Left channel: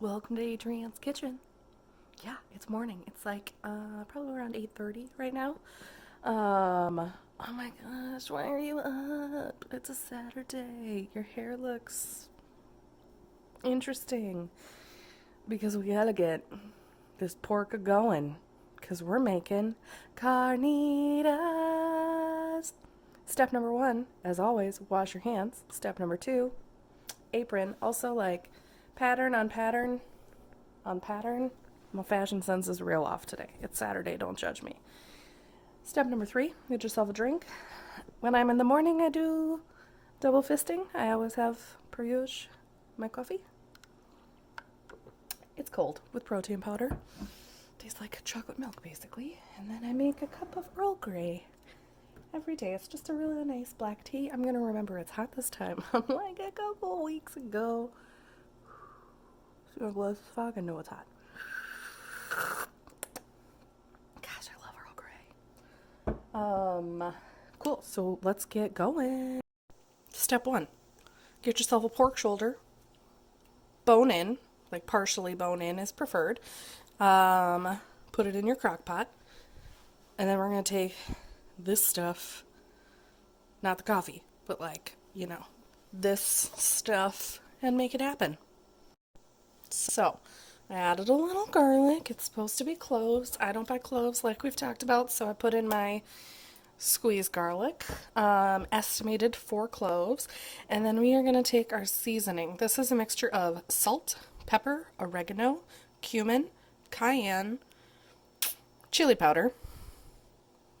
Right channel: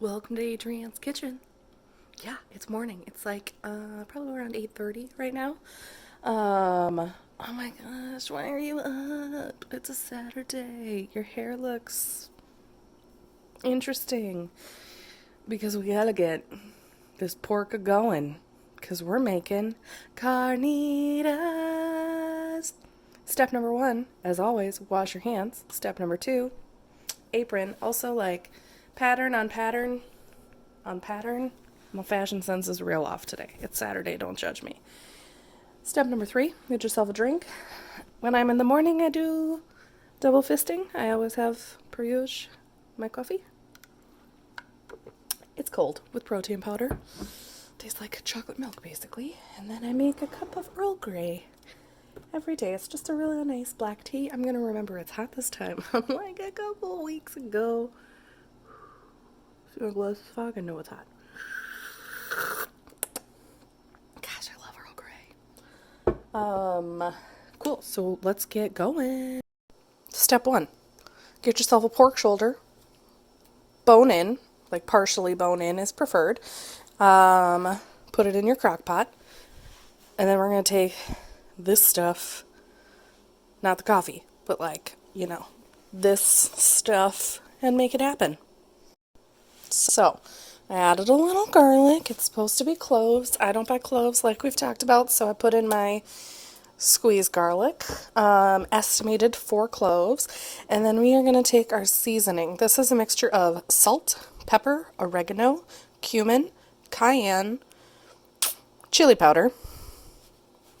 Welcome to Adrianne's kitchen. Yeah, it's morning. It's like probably around 8:30 right now. Oh my gosh, why are you up? It's a Saturday. Your hair looks interesting because we gotta get this pork a going because we're making carnitas. Step number one, as always, wash your hands. Step number two, apron. Also, like pattern on pattern on pattern. My fashion sense is real off today. It's Saturday, don't judge me. Step number three, get yourself a drink. When I'm in the morning, I do double fisting. I always have, per usual, my coffee. It's cold with protein powder. Tastes like chocolate milk, basically. And then I make a cup of Earl Grey every day. It's just a really nice black tea. I'm going to remember it's hot this time. Unlike a couple weeks ago. It was fog and know it's hot. Gosh, I love Earl Grey. Cool. So let's get going. Step one, get yourself a pork shoulder. Bone in, like partially bone in is preferred. Put it in your crock pot. And then we're going to take this stuff, not the coffee, but like, this stuff and make it happen. So, I added a little garlic. It's supposed to be cloves. I don't buy cloves like we've talked about, so I put in my squeezed garlic, estimated 4 cloves, and then we are going to take our seasoning. This is a mixture of salt, pepper, oregano, cumin, cayenne, chili powder.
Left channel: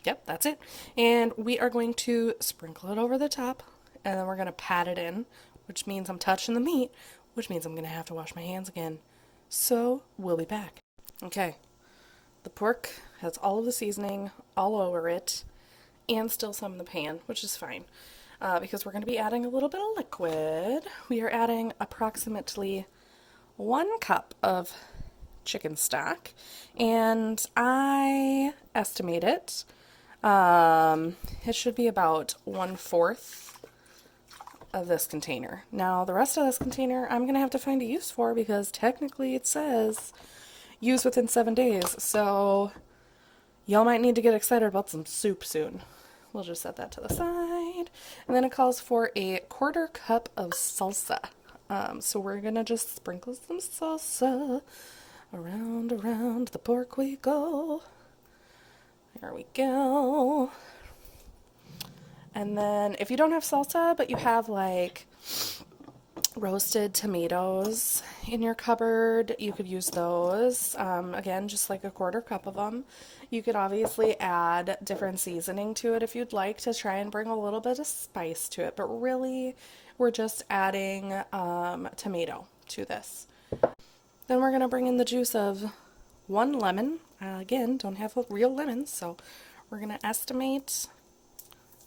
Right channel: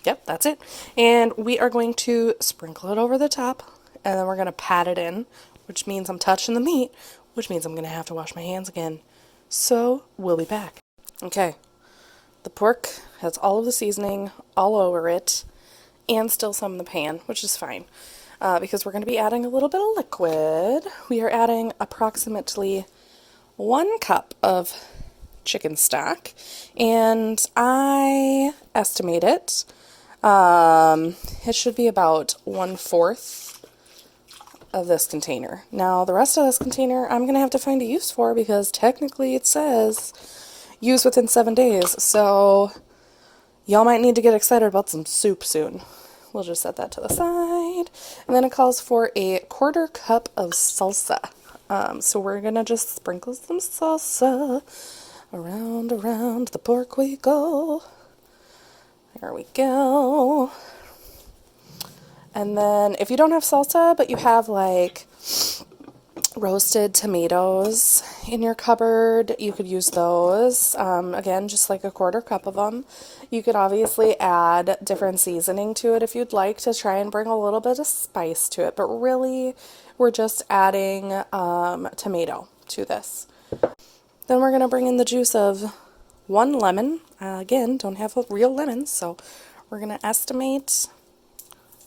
Yep, that's it. And we are going to sprinkle it over the top, and then we're going to pat it in, which means I'm touching the meat, which means I'm going to have to wash my hands again. So, we'll be back. Okay, the pork has all of the seasoning all over it, and still some in the pan, which is fine, because we're going to be adding a little bit of liquid. We are adding approximately 1 cup of chicken stock, and I estimate it. It should be about 1/4 of this container. Now, the rest of this container I'm going to have to find a use for because technically it says use within 7 days. So, y'all might need to get excited about some soup soon. We'll just set that to the side. And then it calls for a 1/4 cup of salsa. So we're going to just sprinkle some salsa. Around the pork we go. There we go. And then if you don't have salsa, but you have like roasted tomatoes in your cupboard, you could use those. Again, just like a 1/4 cup of them. You could obviously add different seasoning to it if you'd like to try and bring a little bit of spice to it. But really, we're just adding tomato to this. Then we're going to bring in the juice of 1 lemon. Again, don't have real lemons, so we're going to estimate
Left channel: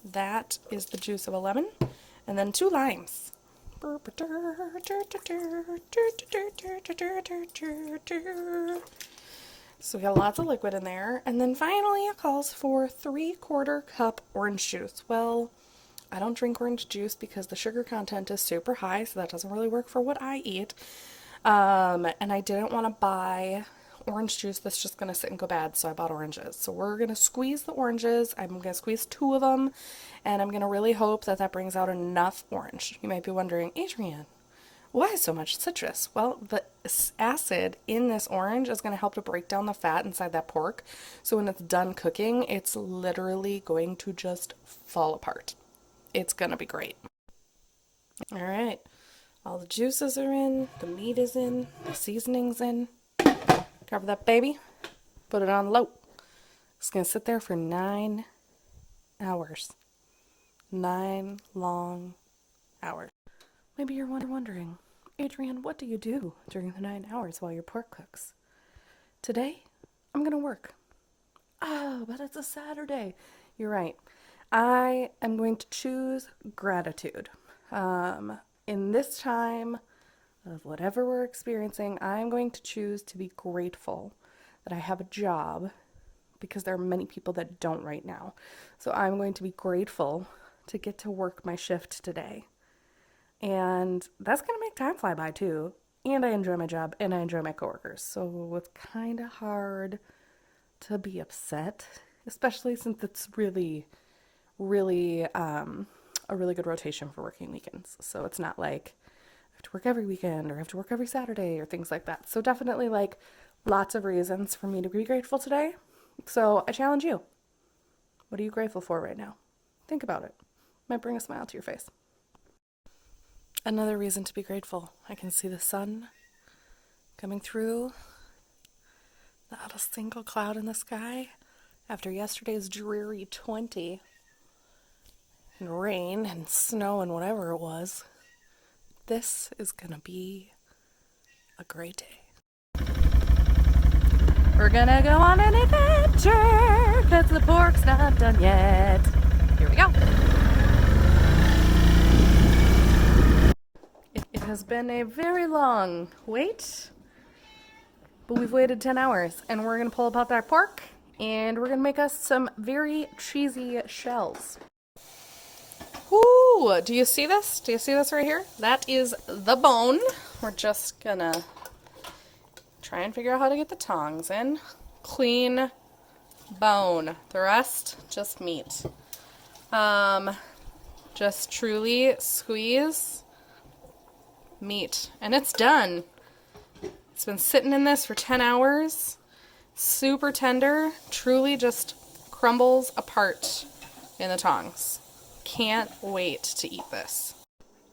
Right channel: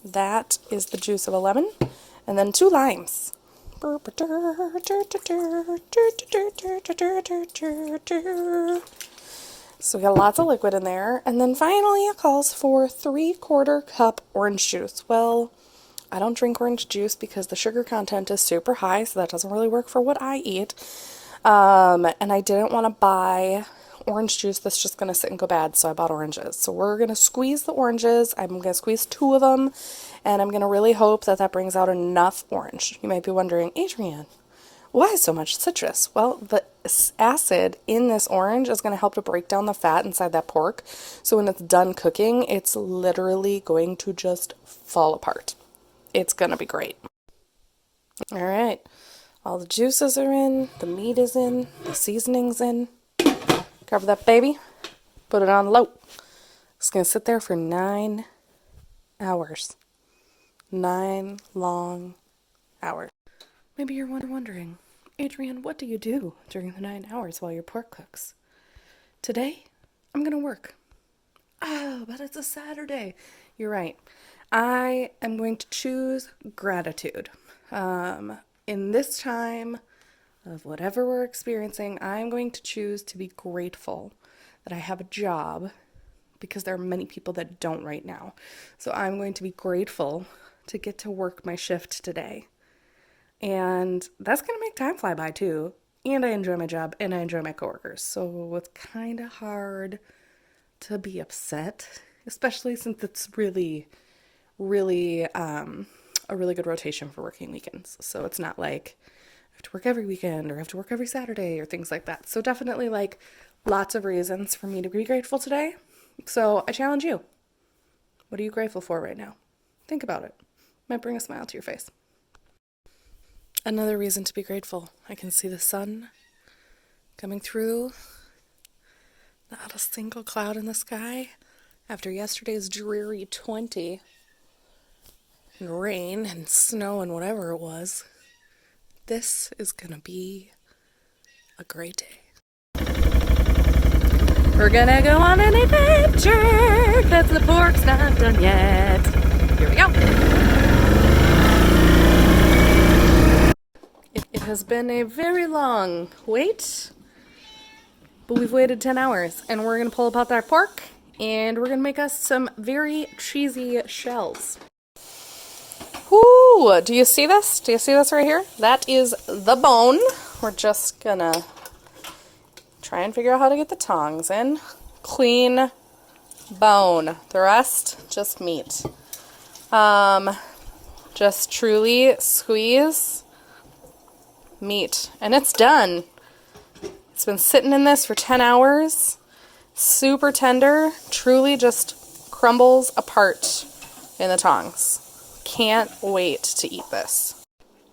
that is the juice of a lemon. And then 2 limes. So we got lots of liquid in there. And then finally it calls for 3/4 cup orange juice. Well, I don't drink orange juice because the sugar content is super high, so that doesn't really work for what I eat. And I didn't want to buy orange juice that's just going to sit and go bad, so I bought oranges. So we're going to squeeze the oranges. I'm going to squeeze 2 of them, and I'm going to really hope that that brings out enough orange. You might be wondering, Adrianne, why so much citrus? Well, the acid in this orange is going to help to break down the fat inside that pork. So when it's done cooking, it's literally going to just fall apart. It's going to be great. All right. All the juices are in, the meat is in, the seasoning's in. Cover that baby, put it on low. It's going to sit there for 9 hours. 9 long hours. Maybe you're wondering, Adrianne, what do you do during the 9 hours while your pork cooks? Today, I'm going to work. Oh, but it's a Saturday. You're right. I am going to choose gratitude. In this time of whatever we're experiencing, I'm going to choose to be grateful that I have a job because there are many people that don't right now. So I'm going to be grateful to get to work my shift today. And that's going to make time fly by too. and I enjoy my job, and I enjoy my coworkers. So it's kind of hard to be upset, especially since it's really, really a really good rotation for working weekends. So it's not like I have to work every weekend or I have to work every Saturday or things like that. So definitely like lots of reasons for me to be grateful today. So I challenge you. What are you grateful for right now? Think about it. Might bring a smile to your face. Another reason to be grateful. I can see the sun coming through. Not a single cloud in the sky. After yesterday's dreary 20 and rain and snow and whatever it was, this is gonna be a great day. We're gonna go on an adventure because the pork's not done yet. Here we go. It has been a very long wait, but we've waited 10 hours and we're gonna pull apart that pork and we're gonna make us some very cheesy shells. Ooh, do you see this? Do you see this right here? That is the bone. We're just gonna try and figure out how to get the tongs in. Clean bone. The rest, just meat. Just truly squeeze meat. And it's done. It's been sitting in this for 10 hours. Super tender. Truly just crumbles apart in the tongs. Can't wait to eat this.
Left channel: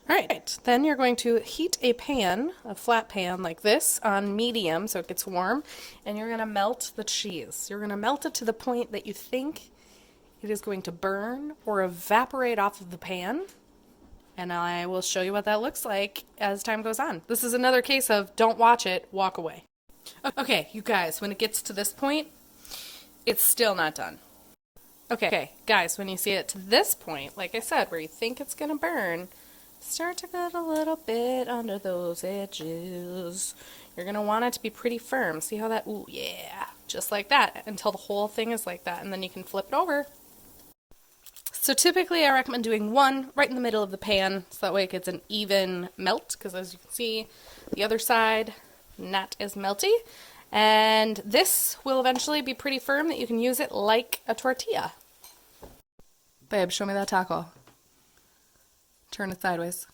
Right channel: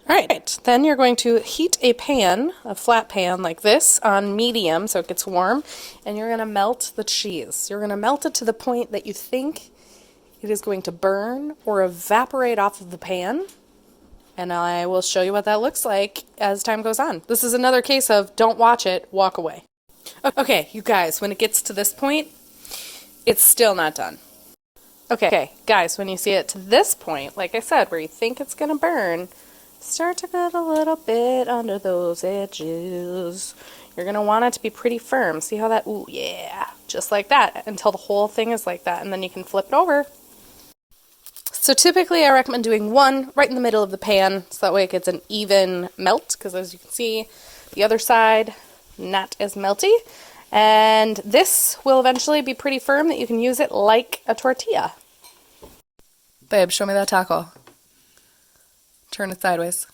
All right, then you're going to heat a pan, a flat pan like this, on medium so it gets warm, and you're going to melt the cheese. You're going to melt it to the point that you think it is going to burn or evaporate off of the pan, and I will show you what that looks like as time goes on. This is another case of don't watch it, walk away. Okay, you guys, when it gets to this point, it's still not done. Okay, guys, when you see it to this point, like I said, where you think it's going to burn, start to get a little bit under those edges. You're going to want it to be pretty firm. See how that, ooh, yeah, just like that, until the whole thing is like that, and then you can flip it over. So typically I recommend doing one right in the middle of the pan, so that way it gets an even melt, because as you can see, the other side, not as melty. And this will eventually be pretty firm that you can use it like a tortilla. Babe, show me that taco. Turn it sideways.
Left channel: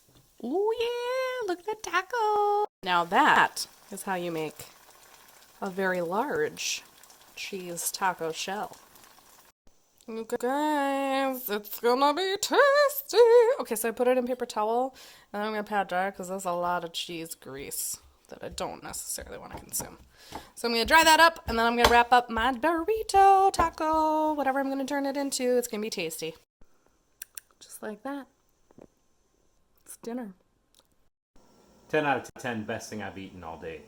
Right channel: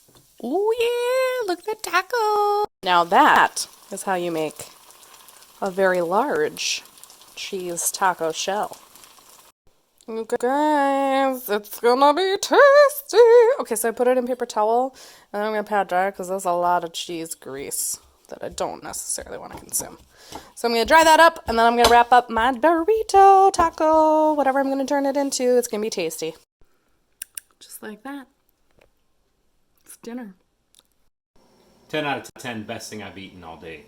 Oh yeah, look at the taco. Now that is how you make a very large cheese taco shell. Okay, guys, it's gonna be tasty. Okay, so I put it in paper towel, and then I'm gonna pat dry because there's a lot of cheese grease that I don't necessarily want to consume. So I'm gonna dry that up, and then I'm gonna wrap up my burrito, taco, whatever I'm gonna turn it into. It's gonna be tasty. Just like that. It's dinner. 10 out of 10 best thing I've eaten all day.